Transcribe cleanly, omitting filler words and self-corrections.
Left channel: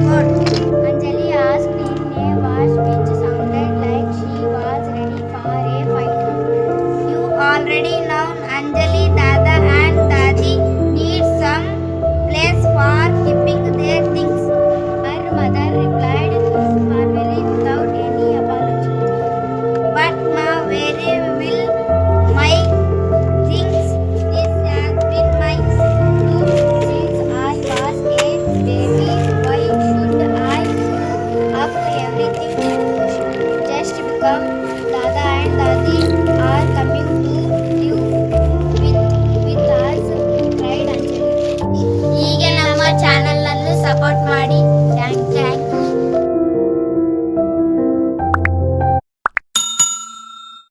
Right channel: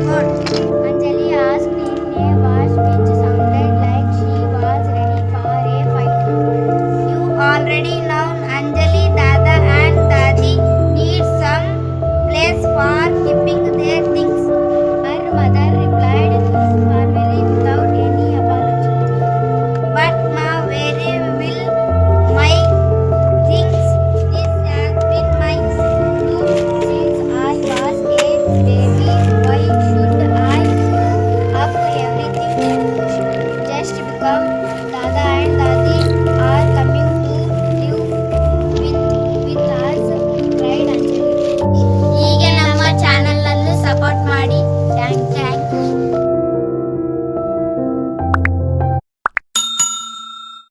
about? Anjali asked in a voice which sounded like she was ready for a fight. You already know Anjali, Dada and Dadi need some place for keeping their things. Her mother replied formally without any apology. But ma, where will my things? This has been my room Since I was a baby, why should I up everything just become Dada and Dadi?